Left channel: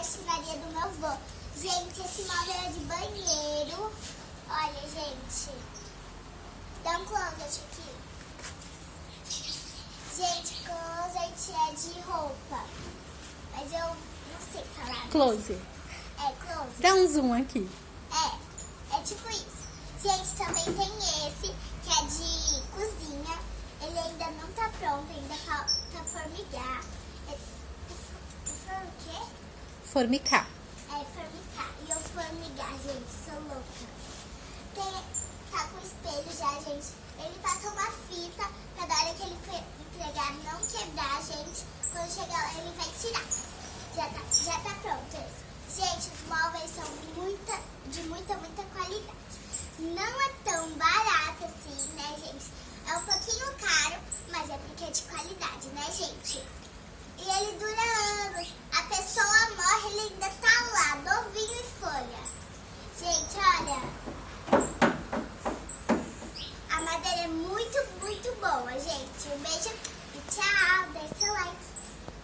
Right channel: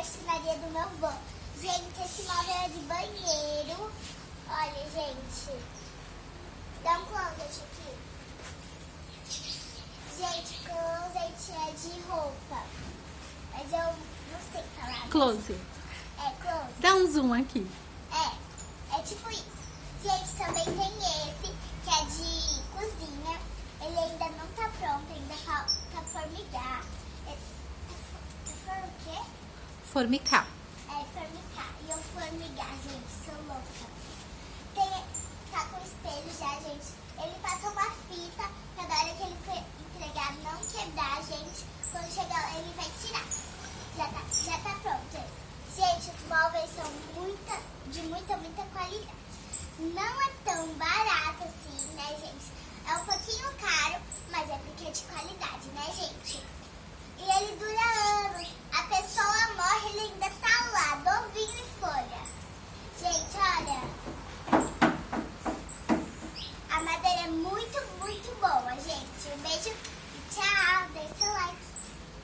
marcenaria do meu avô. Gente, esse móvel é de banheiro. Olha, gente. Dá um closet aqui. Gente, closet é de roupa. Mas eu não sei falar. Close. É, closet. Dá um zoom aqui. É tipo isso. Gente, também tem esse, que é de cozinha. Ele ainda não tá pronto, ainda falta formigar. O quê? Formicar. É, formicar. E eu formigar, gente, sou louca. Tá com espelho já, gente. Ele passa uma fita pra na hora que ele for entregar não quebrar, gente. Quando chegar lá, ele vai tirar. Já tá pronto esse. Gente, os móveis são de muita qualidade. Não é tão barato assim, né, gente? É um pouquinho caro, mas é porque é de qualidade, né, gente? E ele dura anos. A pessoa morre, ele ainda tá lá, novinho em folha. Gente, olha,